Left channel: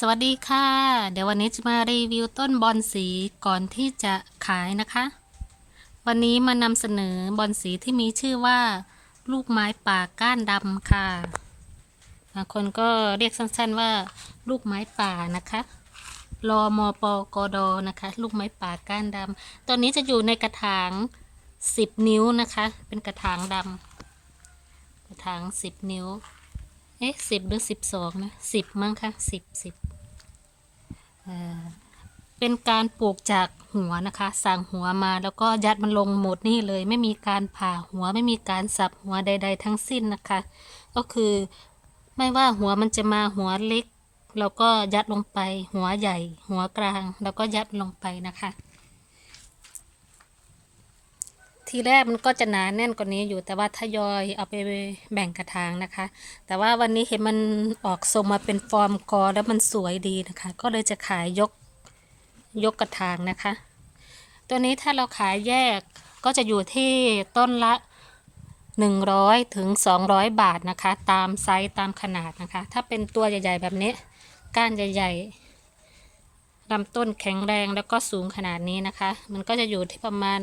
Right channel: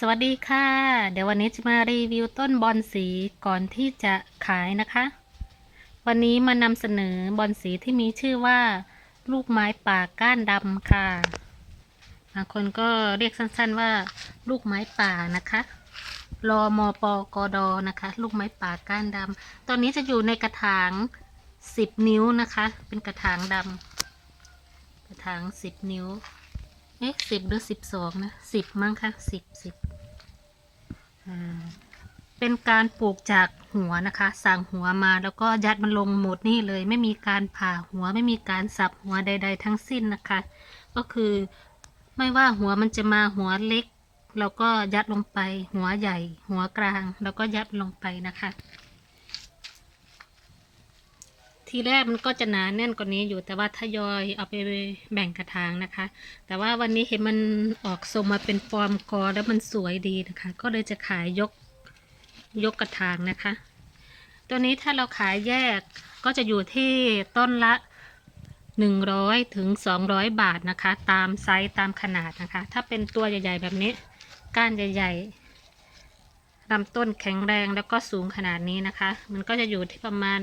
สวัสดีค่ะ เดี๋ยววันนี้จะมารีวิวต้นบอนสีก่อนที่จะขายนะคะ วันนี้มานำเสนอบอนสีที่มีชื่อว่า ลูกไม้ป่าก้านดำค่ะบางคนก็เรียกสั้นๆว่า ลูกไม้ป่านะคะรอมปกดนะคะ ลูกไม้ป่าก้านดำตอนนี้จะอยู่ในกระถาง 10 นิ้วนะคะ เป็นกระถางดำกระถาง 10 นิ้วเอ๊ะสิบหรือสิบสองนะสิบมั้งคะสิบสิบ เป็นการปลูกจากหัวนะคะ สั่งหัวมาแล้วก็ยัดมันลงหมดนี่เลย ไม่มีการผ่าหัวไม่มีการสับหัวใด ๆ ทั้งสิ้นนะคะ ก็คือไม่ว่าหัวมันจะมาหัวเล็กเราก็ยัดลงไป หัวใหญ่ หัวกลาง แล้วก็ยัดลงไปนะคะ ทีแรกมันก็จะหนาแน่นกว่านี้อยู่ แต่ว่าทยอยเอาไปแบ่งกระถางนะคะ แต่ว่าวันนี้เห็นมันออกทรงมาเป็นฟอร์มกอแล้วมันสวยดีนะคะ ก็เลยจะขายยกยกกระถางนะคะ ตัวนี้ถ้าเราขายแยกก็จะอยู่ที่ต้นละ 100ถึง200 บาทนะคะ ตามไซส์ตามขนาดนะคะ ถ้าเป็นตัวใหญ่ๆแบบนี้ ก้านใหญ่ๆลำต้นแข็งแรงแล้วก็สูงขนาดนี้นะคะ มันก็จะอยู่ที่ประมาณ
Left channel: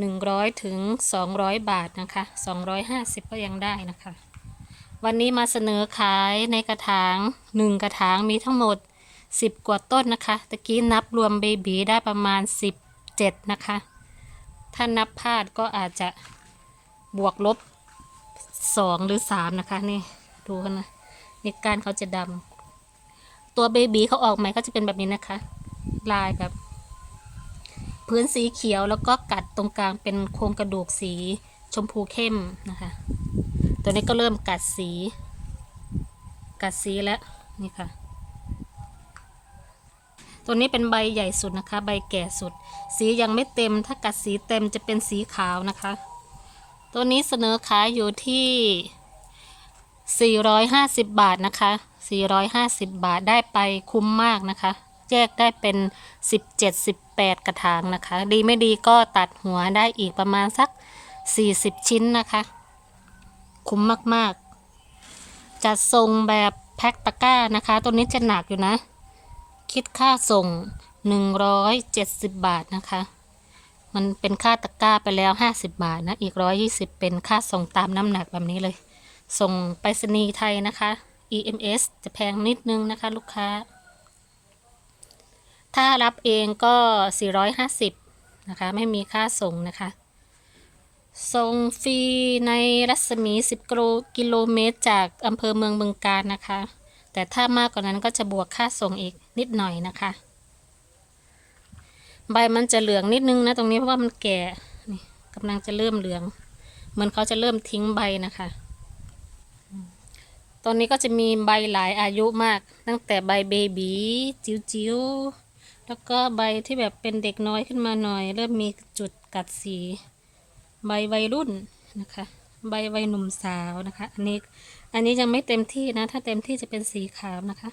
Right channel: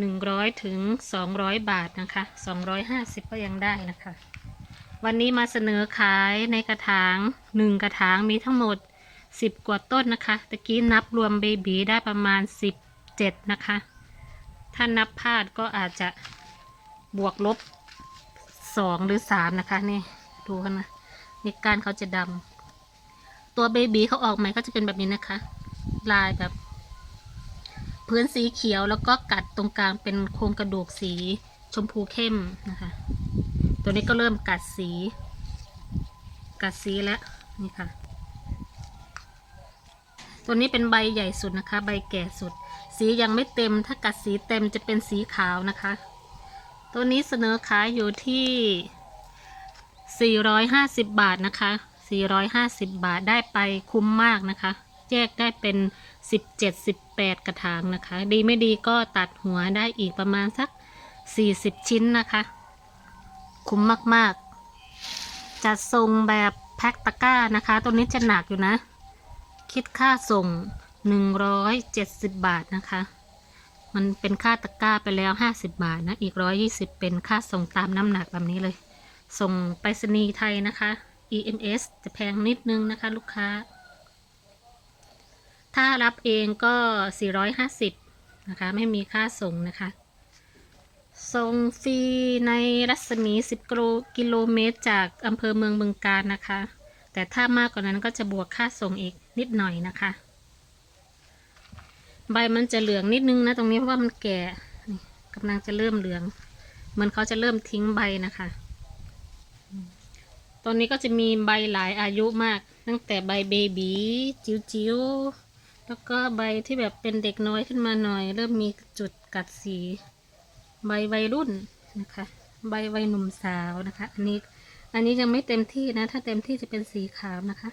100 ถึง 200 บาทนะคะ 250 ก็ยังได้นะคะ วันนี้มาเสนอขายในกระถาง 1 กระถางมีทั้งหมด 10 กว่าต้นนะคะ ตะกี้นับรวมเบบีได้ประมาณ 17 นะคะ ถ้านับพลาดก็อาจจะบวกลบ 2 หรือ 3 นะคะ นี่ ดูกันนะนี่กานเขาจะดำตัวเบบีเขาออกใหม่ก็จะเป็นแบบนี้นะคะ ลายแบบ พื้นสีเขียวแล้วก็กัดตรงกลางเป็นโครงกระดูกสีชมพูเข้มนะคะ ตัวนี้ก็เริ่มกัดสี กัดสีแล้วนี่ค่ะ ตัวนี้เป็นใบใหญ่สุดนะคะ ใบแก่สุด สียังไม่เต็ม ถ้ากัดสีเต็มจะเป็นสีขาวนะคะ ตัวนี้เสนอขายอยู่ที่ 450 บาทนะคะ 450 บาทได้ไปคุ้มมากนะคะ แยกได้เป็น 17 18 กระถางนะคะ ดีไม่ดีก็ตัดหัวได้อีกประมาณสัก 40 ชิ้นนะคะ คุ้มมากๆ จัดส่งแบบแพ็คตะกร้านะคะ ตัวนี้จะหนักอยู่นะ คิดค่าส่ง 170 บาทนะคะ มันเป็นค่าตะกร้าไปแล้ว 50 บาทนะ อีก 120 เป็นค่าส่งตามน้ำหนักแบบนี้เลย ส่งไปรษณีย์ไทยนะคะ EMS จะแพงนิดนึงนะคะ ลูกค้า ถ้ารับเองก็ 450 นะคะ ไม่มีค่าส่งนะคะ ส่งฟรีในรัศมี 10 กิโลกิโลเมตร จากอำเภอเมืองบึงกาฬนะคะ แต่ถ้ามากกว่านั้นก็จะบวกค่าส่งอีกนิดหน่อยนะคะ ใบมันจะเหลืองนิดนึงนะตรงนี้เพราะว่ามันแก่กำลังจะเริ่มเหลืองเหมือนเขาจะเริ่มทิ้งใบนะคะตอนนี้ก็จะมีใบหลายอายุมาก ตั้งแต่ใบเบบีจิ๋วๆ แล้วก็ใบที่แบบเป็นเด็กน้อยขึ้นมาหน่อย เริ่มมีจุดกัดสี ใบวัยรุ่นนะคะ ใบวัยหนุ่มสาวนะคะ อันนี้อันนี้ยังไม่เต็มที่นะ ถ้าเต็มที่จะเป็นสีขาวนะคะ